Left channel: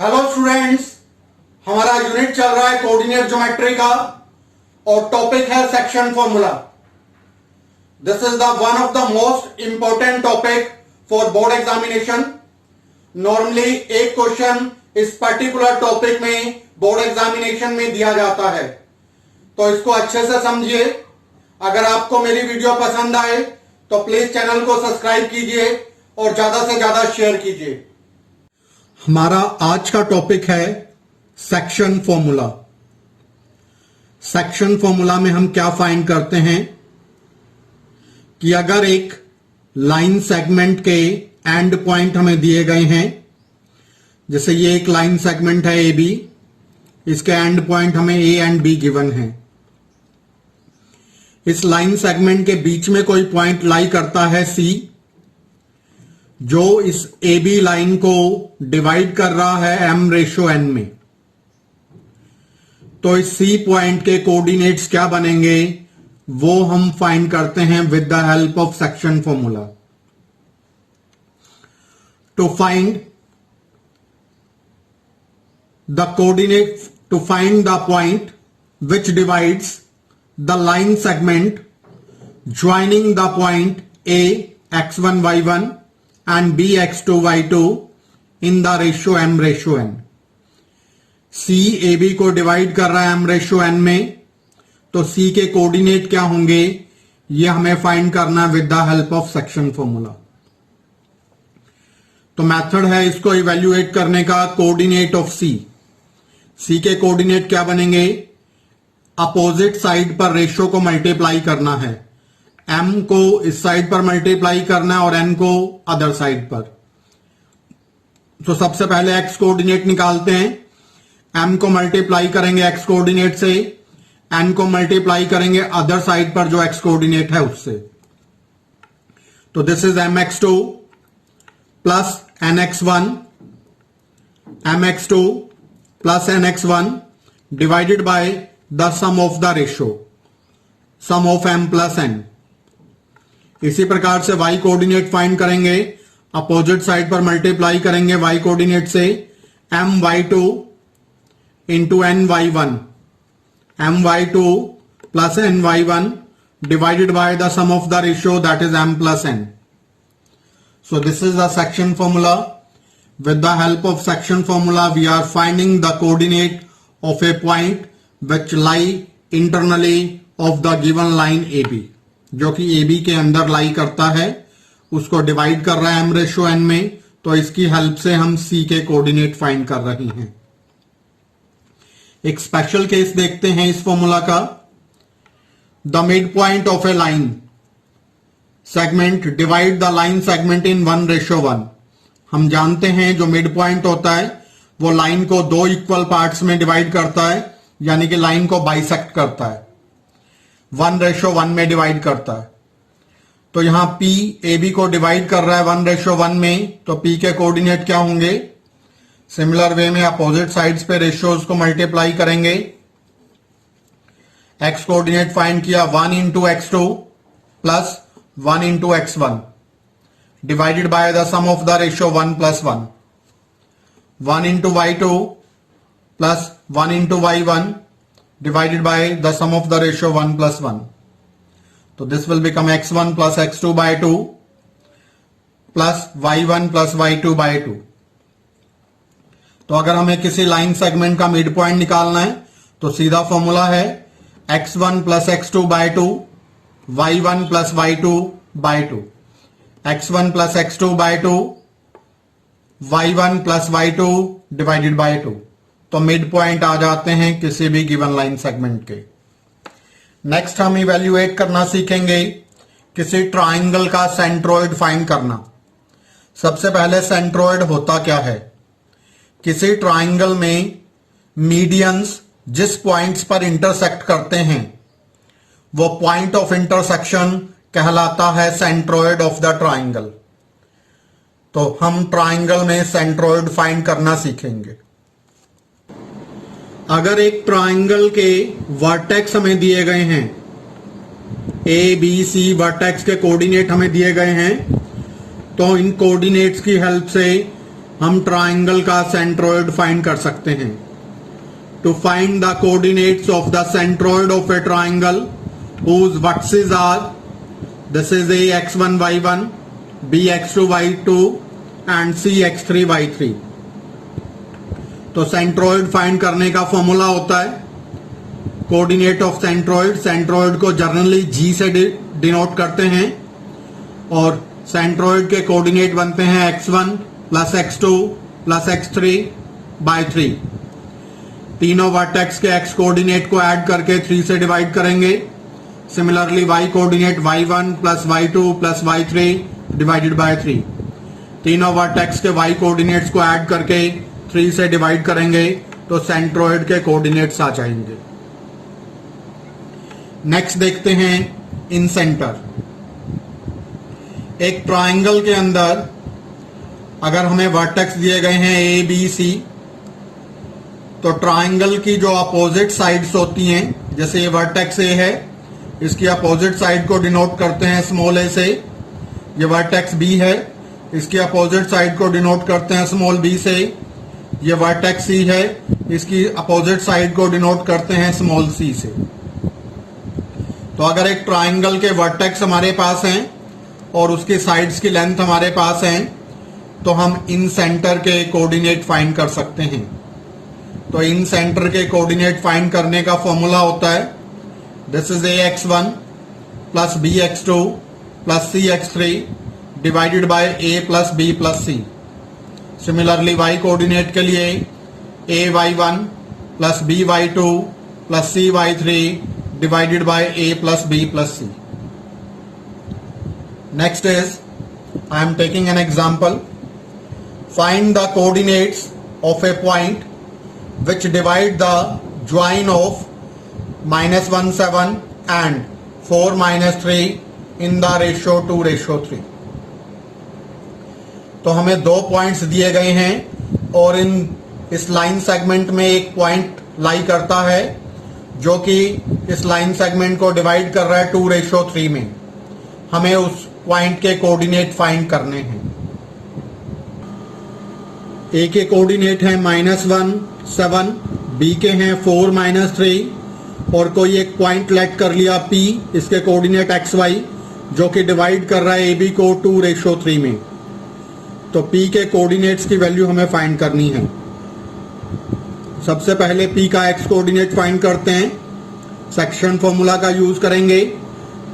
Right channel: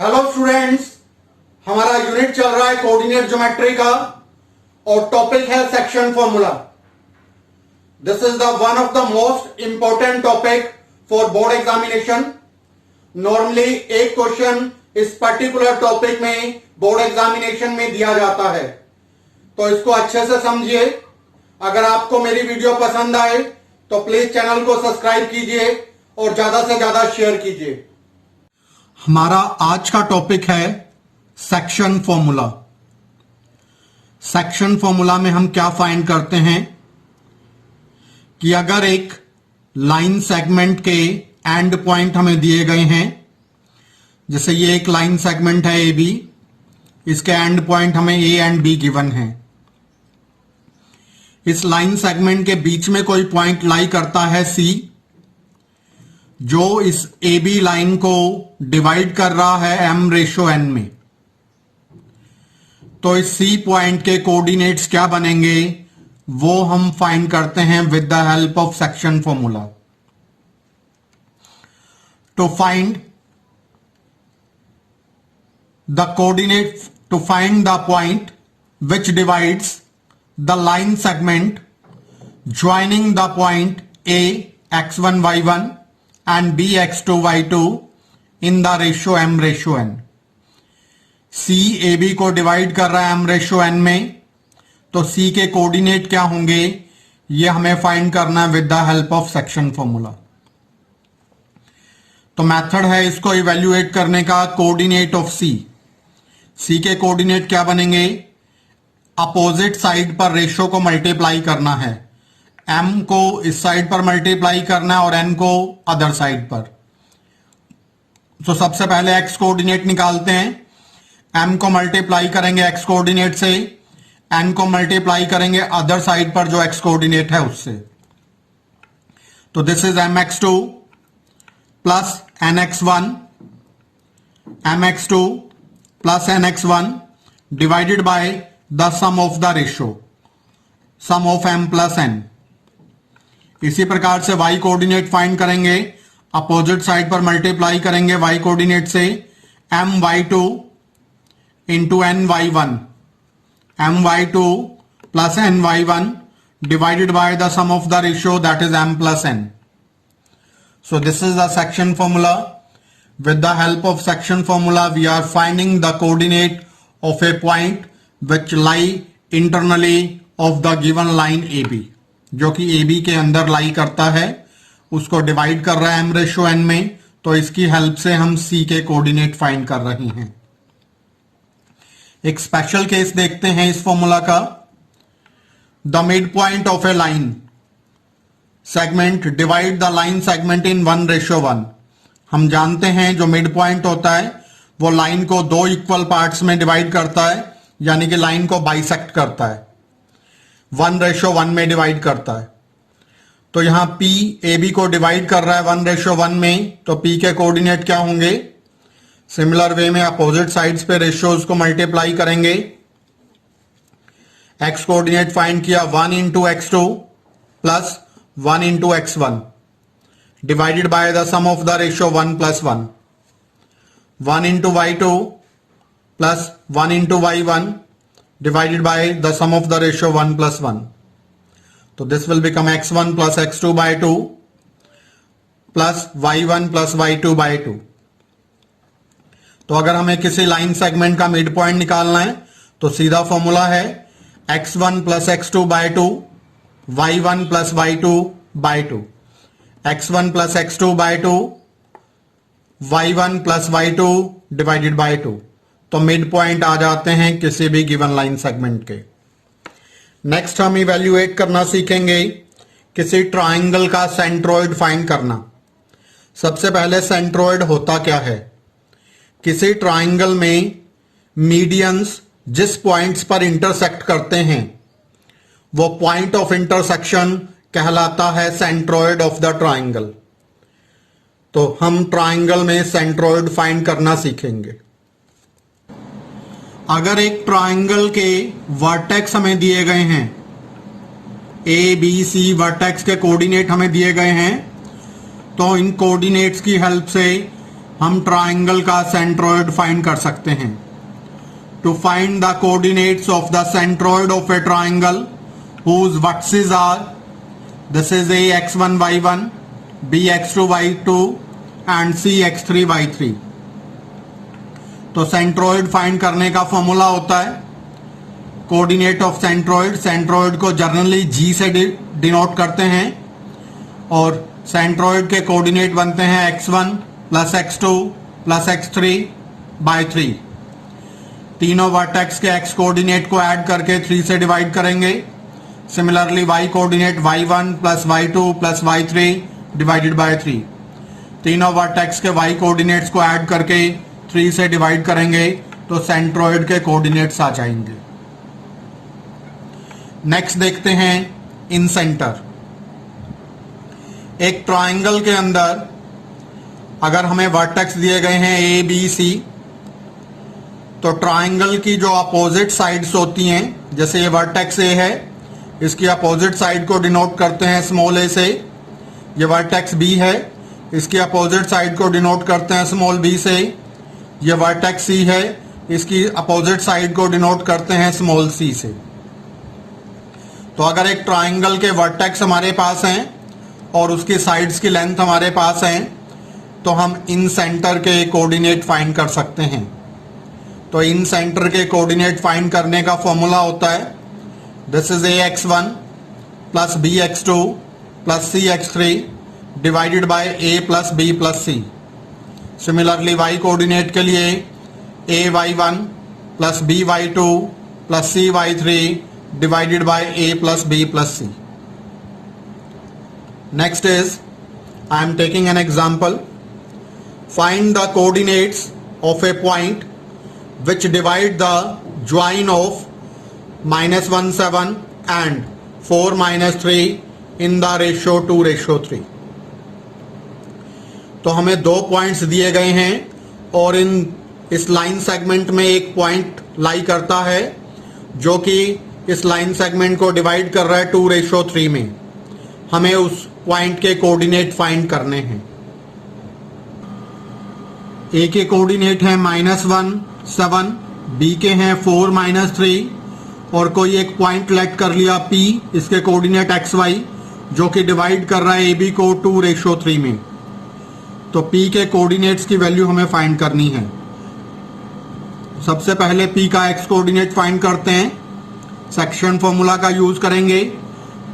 Hello students, हमारा unit चल रहा है कोऑर्डिनेट ज्योमेट्री का और टॉपिक है section formula. This is the one of the most important topic for board examination. Normally एक क्वेश्चन इस पर्टिकुलर टॉपिक में बोर्ड एग्जामिनेशन में दिया जाता है, तो इसको अच्छे से समझिए। अगर आपको मेरी वीडियो पसंद आए तो प्लीज चैनल को सब्सक्राइब कीजिए और ज्यादा से ज्यादा शेयर कीजिए। हमारा आज का टॉपिक है सेक्शन फॉर्मूला। सेक्शन फॉर्मूला में हम क्या फाइंड करते हैं कि अगर एक लाइन सेगमेंट के एंड पॉइंट हमें दिए गए हैं, जैसे ये एक लाइन सेगमेंट है ए बी, इसके एंड पॉइंट हमें ए एंड बी गिवन है। इस लाइन सेगमेंट के बीच में कोई पॉइंट लाई करता है सी, जो इस ए बी लाइन को डिवाइड कर रहा है m/n में। तो इस सी पॉइंट के कोऑर्डिनेट्स क्या बनेंगे वो हम फाइंड करते हैं with the help of section formula. To find the coordinate, to find the point which divides the line segment joining the point a x1 y1 and b x2 y2 in the ratio m/n। c ab को divide कर रहा है m/n में, तो c के coordinate क्या होंगे ये हमें फाइंड करना है with the help of section formula. तो मेथड है इसको इवेल्युएट करने का, कोऑर्डिनेट ऑफ c के कोऑर्डिनेट क्या बनेंगे, अपोजिट साइड पर रेशियो को मल्टीप्लाई करना है। m को इस साइड पर मल्टीप्लाई करना है और n को अदर साइड पर। तो सबसे पहले x कोऑर्डिनेट निकालते हैं। m को मल्टीप्लाई करेंगे x कोऑर्डिनेट से, n को मल्टीप्लाई करेंगे अदर साइड पर जो x कोऑर्डिनेट है उससे। तो this is mx2 plus nx1, mx2 plus nx1 divided by the sum of the ratio, sum of m plus n। इसी प्रकार से y कोऑर्डिनेट फाइंड करेंगे, अपोजिट साइड पर मल्टीप्लाई करेंगे y कोऑर्डिनेट से, my2 into ny1, my2 plus ny1 divided by the sum of the ratio that is m plus n। So this is the section formula. With the help of section formula we are finding the coordinate of a point which lie internally of the given line A B, जो कि A B के अंदर लाई करता है, उसको divide कर रहा है m/n में। तो इसकी हेल्प से हम c के कोऑर्डिनेट फाइंड कर रहे हैं। एक स्पेशल केस देखते हैं इस फॉर्मूला का। The mid point of A line segment divide the line segment in 1:1। हम जानते हैं जो मिड पॉइंट होता है वो लाइन को दो इक्वल पार्ट्स में डिवाइड करता है, यानी कि लाइन को बाइसेक्ट करता है, 1:1 में डिवाइड करता है। तो यहां P AB को डिवाइड कर रहा है 1:1 में, तो P के कोऑर्डिनेट क्या होंगे, सिमिलर वे में अपोजिट साइड्स पे रेशियोज को मल्टीप्लाई करेंगे। X कोऑर्डिनेट फाइंड किया 1 into x2 plus 1 into x1 divided by the sum of the ratio 1 plus 1, 1 into y2 plus 1 into y1 divided by the sum of the ratio 1 plus 1. So this will become x1 plus x2 by 2 plus y1 plus y2 by 2. तो अगर हमें किसी line segment का mid point निकालना है तो सीधा formula है x1 plus x2 by 2, y1 plus y2 by 2, x1 plus x2 by 2, y1 plus y2 divided by 2। तो मिड पॉइंट आ जाते हैं किसी भी गिवन लाइन सेगमेंट के। नेक्स्ट हम इवेल्युएट करना सीखेंगे किसी ट्राइंगल का सेंट्रोइड फाइंड करना। सबसे पहले सेंट्रोइड होता क्या है, किसी ट्राइंगल में मीडियंस जिस पॉइंट्स पर इंटरसेक्ट करते हैं वो पॉइंट ऑफ इंटरसेक्शन कहलाता है सेंट्रोइड ऑफ द ट्राइंगल। तो हम ट्राइंगल में सेंट्रोइड फाइंड करना सीखेंगे। अगर एक ट्राइंगल के वर्टेक्स हमें दिए गए हैं, ए बी सी वर्टेक्स के कोऑर्डिनेट हमें दिए गए हैं, तो इन कोऑर्डिनेट्स की हेल्प से हम ट्राइंगल का सेंट्रोइड फाइंड कर सकते हैं। To find the coordinates of the centroid of a triangle whose vertices are, this is a x1 y1, b x2 y2 and c x3 y3। तो सेंट्रोइड फाइंड करने का formula होता है coordinate of centroid. Centroid को generally g से denote करते हैं और सेंट्रोइड के कोऑर्डिनेट बनते हैं x1 plus x2 plus x3 bye 3। तीनों वर्टेक्स के x कोऑर्डिनेट को ऐड करके 3 से डिवाइड करेंगे। Similarly y coordinate y1 plus y2 plus y3 divided bye 3। तीनों वर्टेक्स के y कोऑर्डिनेट्स को ऐड करके 3 से डिवाइड करेंगे तो सेंट्रोइड के कोऑर्डिनेट्स आ जाएंगे। नेक्स्ट देखते हैं इन सेंटर। एक ट्राइंगल के अंदर अगर हमें वर्टेक्स दिए गए हैं ए बी सी, तो ट्राइंगल की जो अपोजिट साइड्स होती हैं, जैसे ये वर्टेक्स ए है, इसकी अपोजिट साइड को डिनोट करते हैं स्मॉल ए से। ये वर्टेक्स बी है, इसकी अपोजिट साइड को डिनोट करते हैं स्मॉल बी से। ये वर्टेक्स सी है, इसकी अपोजिट साइड को डिनोट करते हैं स्मॉल सी से। तो अगर एक ट्राइंगल के वर्टेक्स हमारे पास हैं और उसकी साइड्स की लेंथ हमारे पास है, तो हम इन सेंटर के कोऑर्डिनेट फाइंड कर सकते हैं। तो इन सेंटर के कोऑर्डिनेट फाइंड करने का फॉर्मूला होता है this is A x1 plus B x2 plus C x3 divided by A plus B plus C. Similarly y coordinate के लिए a y1 plus B y2 plus C y3 divided by a plus b plus c। Next is, I am taking an example. Find the coordinates of a point which divide the join of -1 and 4 3 in the ratio 2:3। तो हमें दो points दिए गए हैं और इस line segment में एक पॉइंट लाई करता है जो कि इस लाइन सेगमेंट को डिवाइड कर रहा है 2:3 में। हमें उस पॉइंट के कोऑर्डिनेट फाइंड करने हैं। ए के कोऑर्डिनेट है -1 7, बी के हैं 4 3 और कोई एक पॉइंट लेट कर लिया P, इसके कोऑर्डिनेट XY जो कि डिवाइड कर रहा है AB को 2:3 में। तो P के कोऑर्डिनेट्स की वैल्यू हमें फाइंड करनी है। सबसे पहले P का X कोऑर्डिनेट फाइंड करते हैं। सेक्शन फॉर्मूला का यूज करेंगे।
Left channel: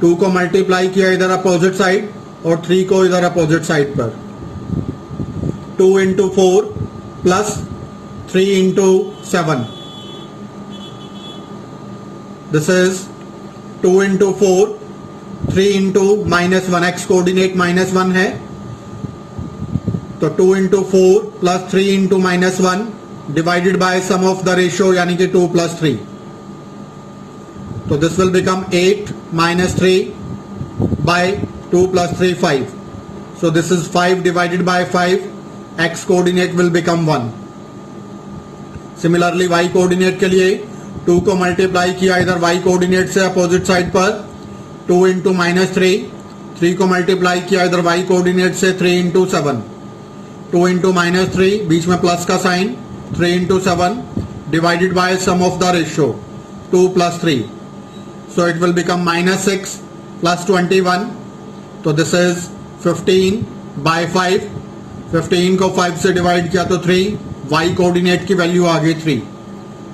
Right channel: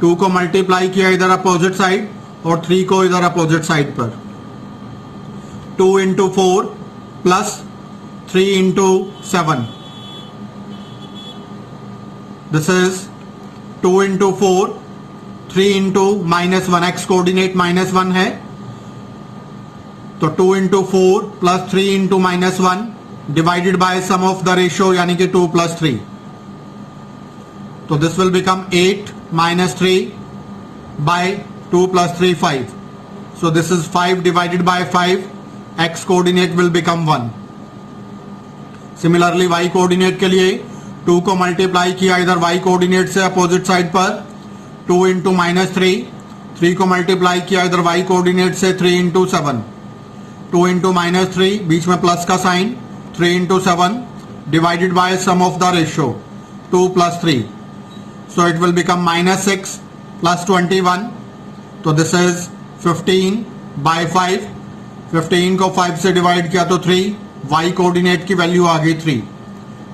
2 को मल्टीप्लाई किया इधर अपोजिट साइड और 3 को इधर अपोजिट साइड पर। 2 into 4 plus 3 into 7। This is 2 into 4 3 into -1। X coordinate -1 है तो 2 into 4 plus 3 into -1 divided by sum of the ratio यानी कि 2 प्लस 3। तो this will become 8 minus 3 by 2 plus 3 5. So this is 5 divided by 5. X coordinate will become 1. Similarly y coordinate के लिए 2 को multiply किया इधर y कोऑर्डिनेट से opposite side पर। 2 इंटू -3, 3 को मल्टीप्लाई किया इधर y कोऑर्डिनेट से 3 इंटू 7। 2 इंटू -3 बीच में प्लस का sign 3 into 7 divided by sum of the ratio 2 plus 3। So it will become -6 plus 21. तो this is 15 by 5. 15 को 5 से डिवाइड किया तो 3। y कोऑर्डिनेट की वैल्यू आ गई 3।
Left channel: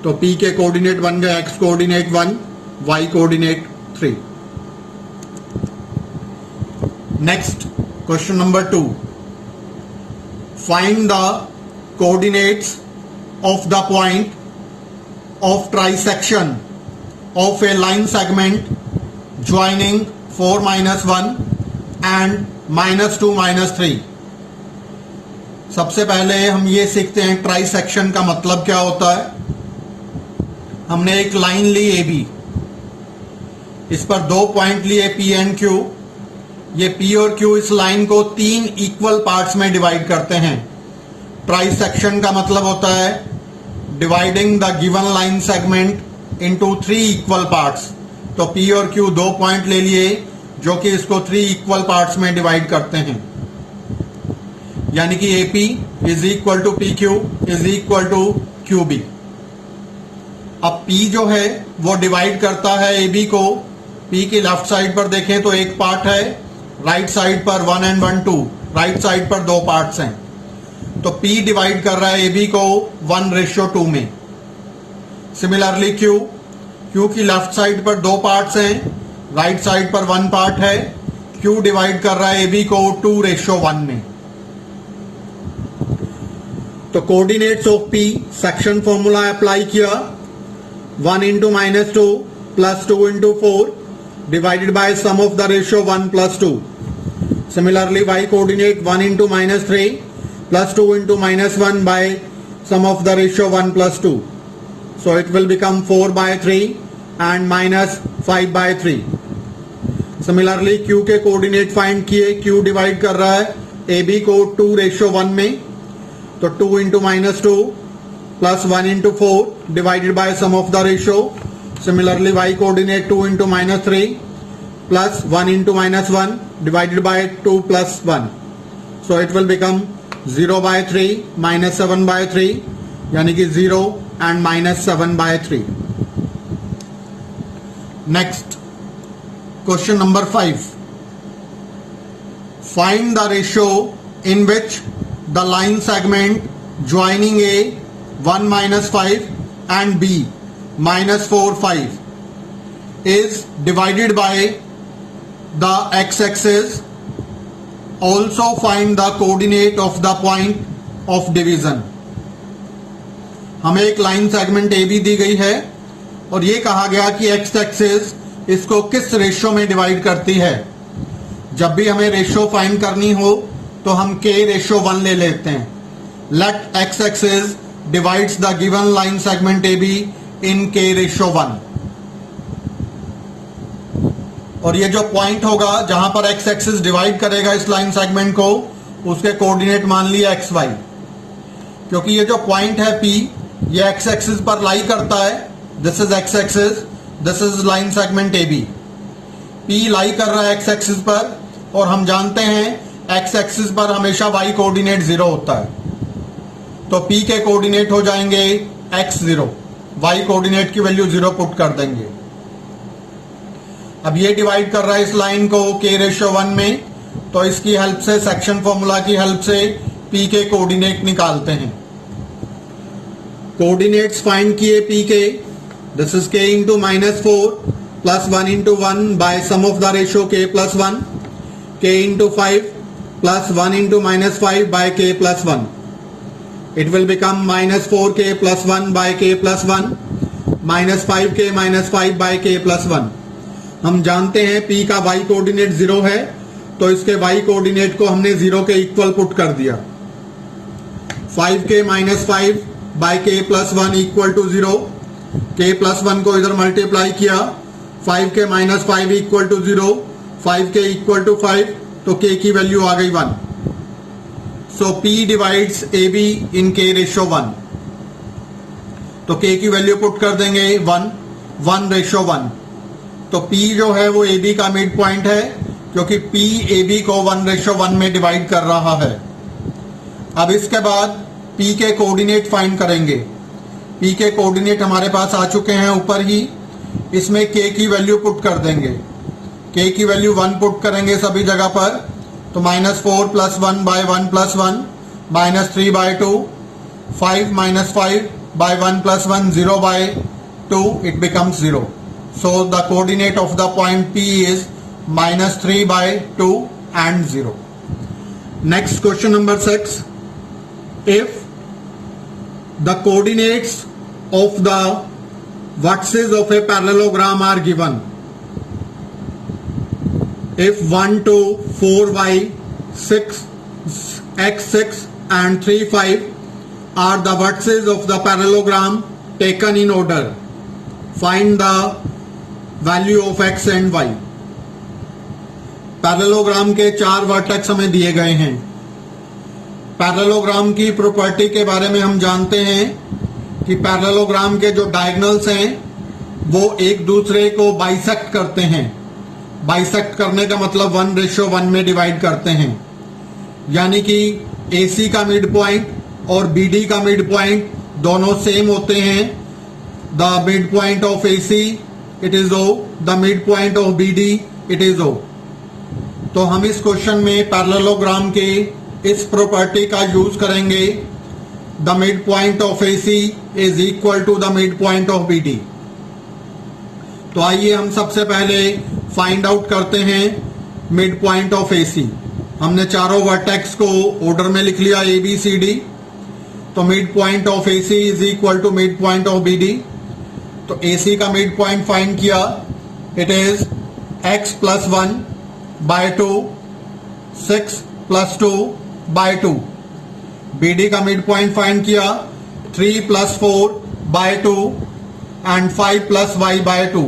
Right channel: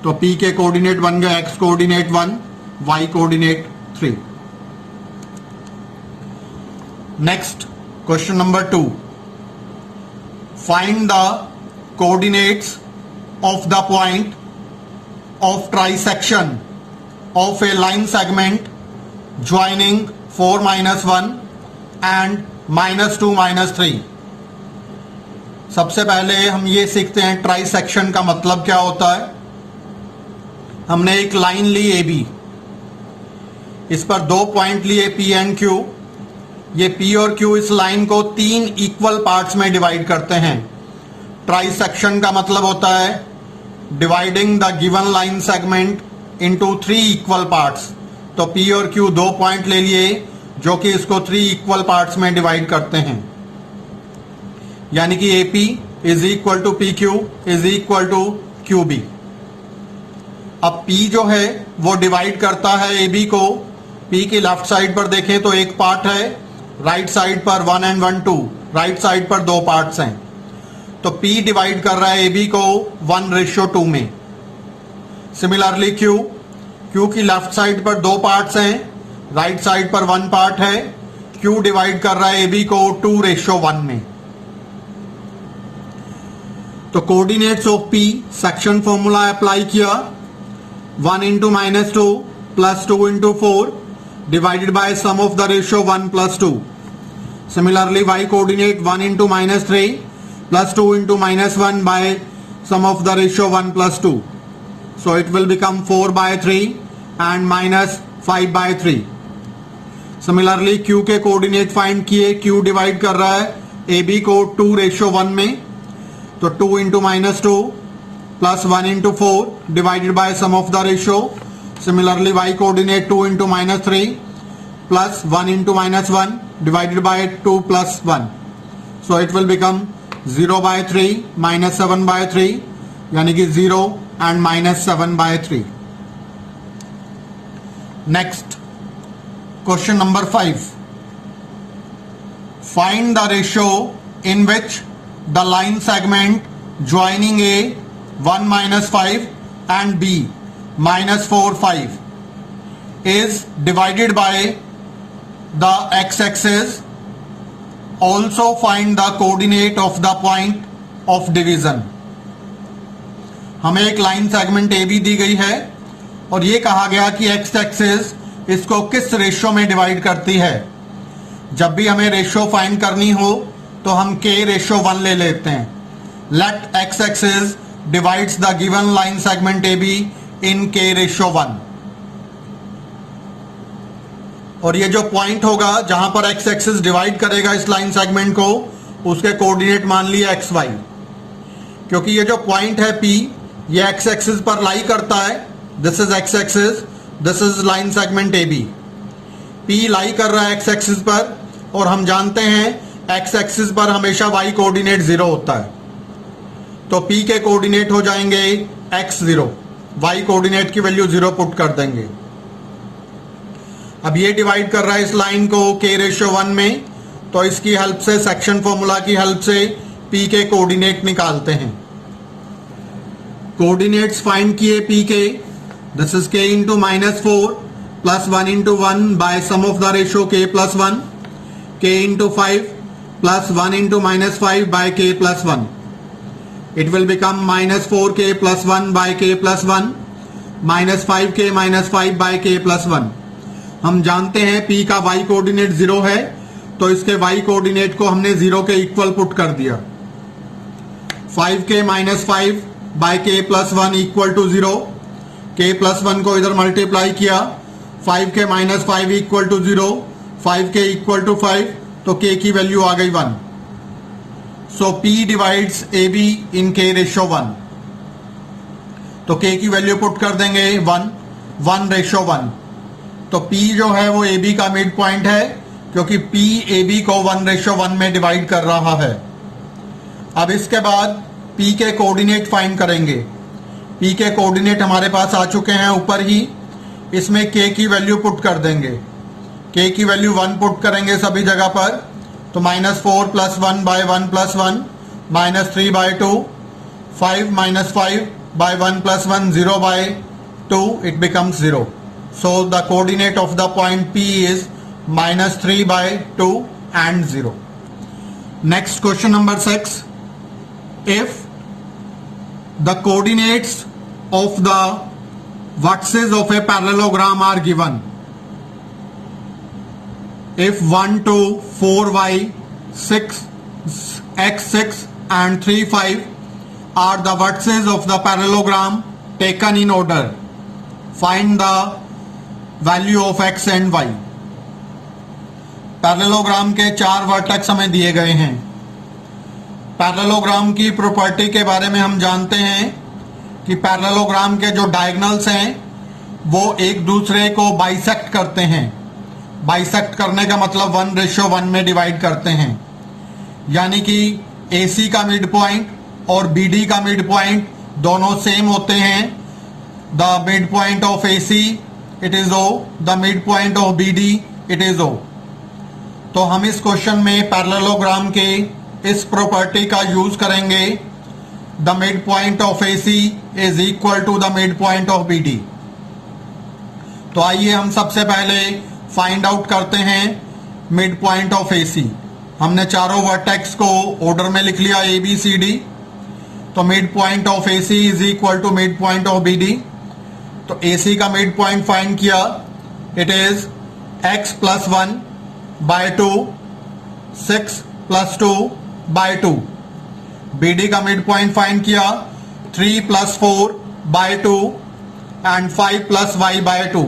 तो P के कोऑर्डिनेट बन गए x coordinate 1, y coordinate 3। Next question number 2। Find the coordinates of the point of trisection of a line segment joining 4 1 and -2 -3। सबसे पहले हम ये सीखते हैं ट्राइसेक्शन का मतलब क्या होता है। हमने एक लाइन ली AB, इस पर दो पॉइंट लिए P एंड Q। ये P और Q इस लाइन को 3 इक्वल पार्ट्स में डिवाइड करते हैं। ट्राइसेक्शन का मतलब होता है dividing the given line segment into 3 equal parts. तो P और Q दो पॉइंट ले लिए जो कि इसको 3 इक्वल पार्ट्स में डिवाइड करते हैं। यानी कि AP is equal to PQ is equal to QB। अब P जो है वो डिवाइड करता है AB को। P की लेफ्ट साइड पर देखें तो एक पार्ट है, राइट साइड पर 1 and 1 2, राइट साइड पर दो पार्ट्स हैं। तो P डिवाइड कर रहा है AB को 1:2 में। सिमिलरली Q की लेफ्ट साइड पर दो पार्ट्स हैं, राइट साइड पर 1 पार्ट है। Q डिवाइड कर रहा है AB को 2:1 में। तो coordinates of P section formula apply किया, 1 into -2 plus 2 into 4 divided by sum of the ratio 1 plus 2. Similarly, y coordinate 1 into -3 plus 2 into -1 by sum of the ratio 1 plus 2. So it will become 4/3 and -5/3. Similarly, Q के coordinate find किए, Q divide कर रहा है AB को 2:1 में, तो 2 into -2 plus 1 into 4 divided by sum of the ratio. Similarly, y coordinate 2 into -3 plus 1 into -1 divided by 2 plus 1. So it will become 0/3 -7/3, यानी कि 0 and -7/3. Next, question number 5. Find the ratio in which the line segment joining A 1 -5 and B -4 5 is divided by the x-axis. Also find the coordinate of the point of division. हमें एक line segment AB दी गई है और ये कहा गया कि x-axis इसको किस रेशियो में डिवाइड करती है। जब भी हमें रेशियो फाइंड करनी हो तो हम K:1 ले लेते हैं। Let x-axis divides the given line segment AB in K:1। और ये जो पॉइंट होगा जहां पर x एक्सिस डिवाइड करेगा इस लाइन सेगमेंट को, उसके कोऑर्डिनेट मान लिए xy। क्योंकि ये जो पॉइंट है P, ये x एक्सिस पर लाई करता है। This is x axis, this is line segment AB। P लाई कर रहा है x एक्सिस पर और हम जानते हैं x एक्सिस पर हमेशा y कोऑर्डिनेट 0 होता है। तो P के कोऑर्डिनेट हो जाएंगे x0, y कोऑर्डिनेट की वैल्यू 0 पुट कर देंगे। अब ये डिवाइड कर रहा है इस लाइन को K:1 में, तो इसकी हेल्प से, सेक्शन फॉर्मूला की हेल्प से P के कोऑर्डिनेट निकालते हैं। कोऑर्डिनेट्स फाइंड किए P के, this is K into -4 plus 1 into 1 by sum of the ratio K+1, K into 5 plus 1 into -5 by K+1. It will become -4K plus 1 by K plus 1 minus 5K minus 5 by K plus 1. हम जानते हैं P का y coordinate 0 है, तो इसके y coordinate को हमने 0 के इक्वल पुट कर दिया। 5K minus 5 by K plus 1 equal to 0। K plus 1 को इधर मल्टीप्लाई किया, 5K minus 5 equal to 0, 5K equal to 5, तो K की वैल्यू आ गई 1। So P divides AB in K:1। तो K की वैल्यू पुट कर देंगे 1:1। तो P जो है वो AB का मिड पॉइंट है, क्योंकि P AB को 1:1 में डिवाइड कर रहा है। अब इसके बाद P के कोऑर्डिनेट फाइंड करेंगे। P के कोऑर्डिनेट हमारे पास आ चुके हैं ऊपर ही। इसमें K की वैल्यू पुट कर देंगे। K की वैल्यू 1 पुट करेंगे सभी जगह पर, तो -4 plus 1 by 1 plus 1 -3/2, 5 minus 5 by 1 plus 1, 0/2, it becomes 0. So the coordinate of the point P is -3/2 and 0. Next, question number 6. If the coordinates of the vertices of a parallelogram are given, if 1 2 4y 6 x6 and 3 5 are the vertices of the parallelogram taken in order, find the value of x and y. Parallelogram के 4 vertex हमें दिए गए हैं। Parallelogram की property के बारे में हम जानते हैं कि पैरेललोग्राम के जो डायगोनल्स हैं वो एक दूसरे को बाइसेक्ट करते हैं। बाइसेक्ट करने का मतलब 1:1 में डिवाइड करते हैं, यानी कि AC का मिड पॉइंट और BD का मिड पॉइंट दोनों सेम होते हैं. The mid point of AC it is O, the mid point of BD it is O. तो हम इस क्वेश्चन में पैरेललोग्राम के इस प्रॉपर्टी का यूज करेंगे. The mid point of AC is equal to the mid point of BD. तो आइए हम सबसे पहले फाइंड आउट करते हैं मिड पॉइंट ऑफ AC. हमने चारों वर्टेक्स को ऑर्डर में लिख लिया ABCD. तो mid point of AC is equal to mid point of BD. तो AC का मिड पॉइंट फाइंड किया. It is x plus 1 by 2, 6 plus 2 by 2. BD का मिड पॉइंट फाइंड किया. 3 plus 4 by 2 and 5 plus y by 2.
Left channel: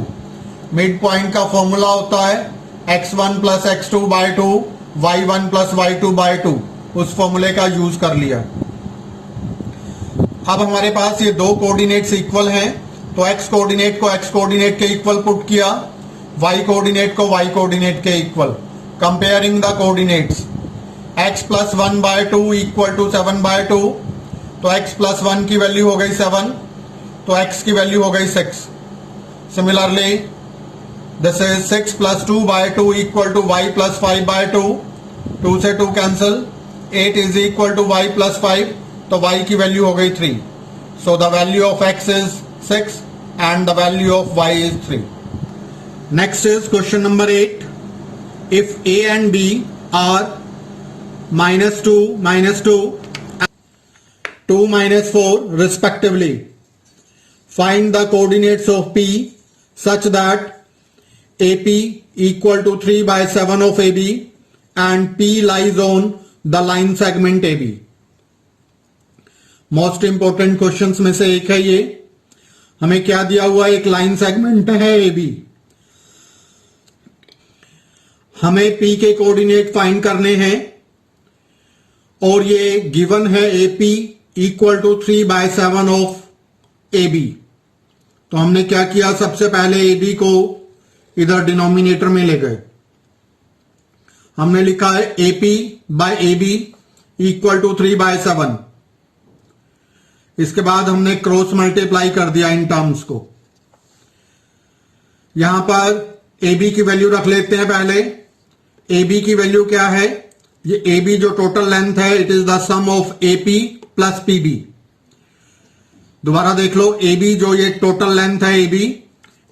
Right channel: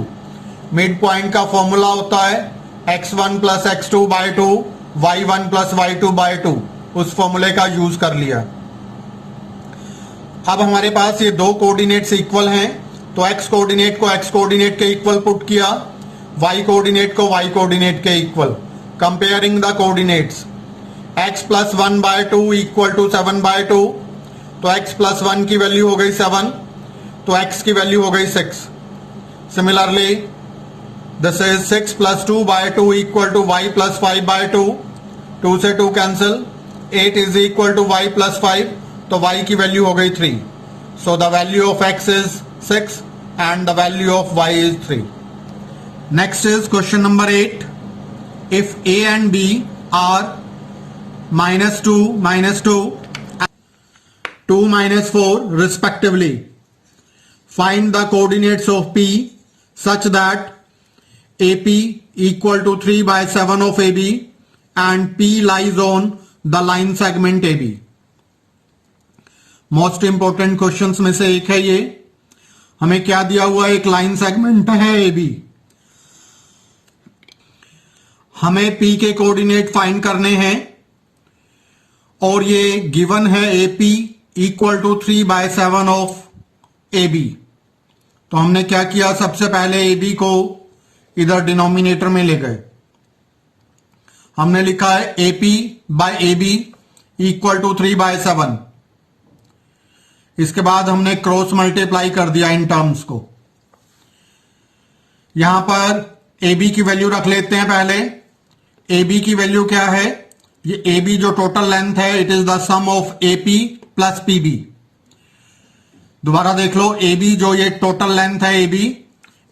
Mid point का formula होता है x1 plus x2 bye 2, y1 plus y2 bye 2. उस फॉर्मूले का use कर लिया. अब हमारे पास ये दो कोऑर्डिनेट्स इक्वल हैं, तो x कोऑर्डिनेट को x कोऑर्डिनेट के इक्वल पुट किया, y कोऑर्डिनेट को y कोऑर्डिनेट के equal. Comparing the coordinates, x plus 1 by 2 equal to 7 by 2. तो x प्लस 1 की वैल्यू हो गई 7, तो x की वैल्यू हो गई 6. Similarly this is 6 plus 2 by 2 equal to y plus 5 by 2. 2 से 2 cancel. 8 is equal to y plus 5, तो y की वैल्यू हो गई 3. So the value of x is 6 and the value of y is 3. Next is question number 8. If a and b are -2, -2, 2, -4 respectively, find the coordinates of P such that AP equal to 3 by 7 of AB and P lies on the line segment AB. Most important questions में से एक है ये. हमें क्या दिया हुआ है? एक लाइन सेगमेंट है AB. हमें P के कोऑर्डिनेट फाइंड करने हैं और ये गिवन है AP equal to 3 by 7 of AB. तो हमने क्या किया? सबसे पहले AB को इधर डिनोमिनेटर में ले गए. हमने लिखा है AP by AB equal to 3 by 7. इसके बाद हमने क्रॉस मल्टीप्लाई कर दिया इन टर्म्स को. यहां पर AB की वैल्यू रख लेते हैं पहले. AB की वैल्यू क्या है? ये AB जो टोटल लेंथ है, it is the sum of AP plus PB. दोबारा देख लो, AB जो ये टोटल लेंथ है AB,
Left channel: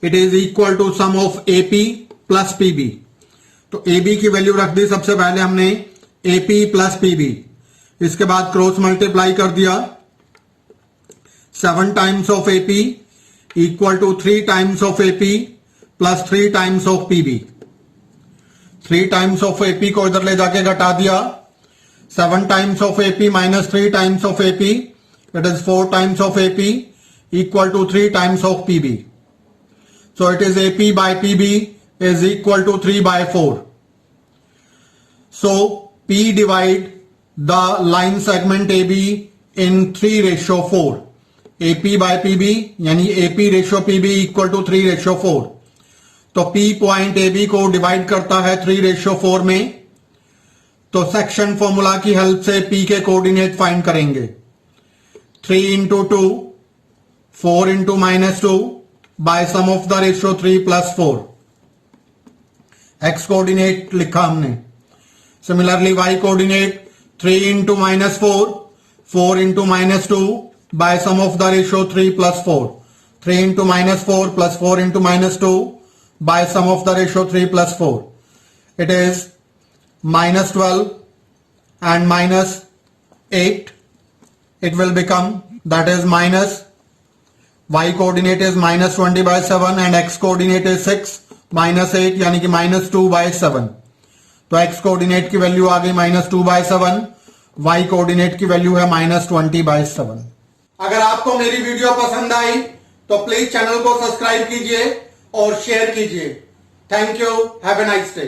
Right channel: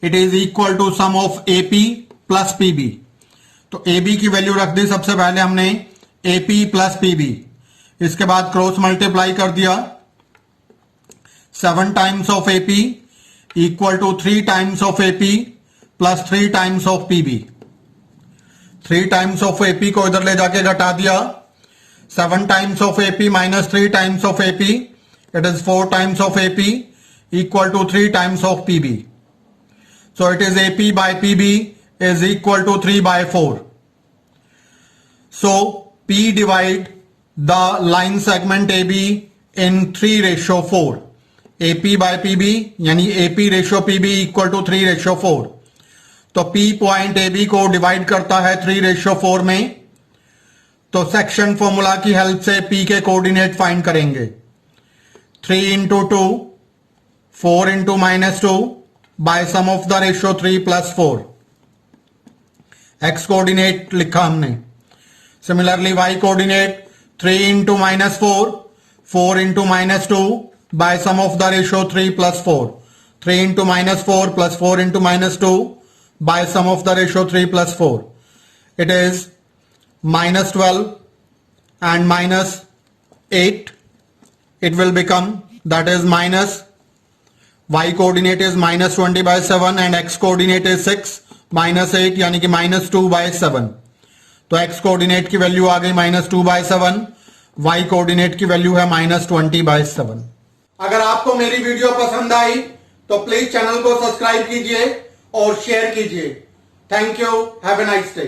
it is equal to sum of AP plus PB. तो AB की वैल्यू रख दी सबसे पहले हमने AP प्लस PB. इसके बाद क्रॉस मल्टीप्लाई कर दिया. 7 times of AP equal to 3 times of AP plus 3 times of PB. 3 times of AP को इधर ले जाके घटा दिया. 7 times of AP minus 3 times of AP, it is 4 times of AP equal to 3 times of PB. So it is AP by PB is equal to 3 by 4. So P divide the line segment AB in 3:4. AP by PB यानी AP ratio PB equal to 3:4. तो P point AB को divide करता है 3:4 में. तो section formula की help से P के कोऑर्डिनेट फाइंड करेंगे. 3 into 2, 4 into -2 by sum of the ratio 3 plus 4. X coordinate लिखा हमने. Similarly Y coordinate 3 into -4, 4 into -2 by sum of the ratio 3 plus 4. 3 into -4 plus 4 into -2 by sum of the ratio 3 plus 4. It is -12 and -8. It will become, that is minus, y coordinate is -20 by 7 and x coordinate is 6, -8 यानी कि -2 by 7. तो x coordinate की value आ गई -2 by 7, y coordinate की value है -20 by 7. अगर आपको मेरी वीडियो पसंद आई तो प्लीज चैनल को सब्सक्राइब कीजिए और शेयर कीजिए. Thank you. Have a nice day.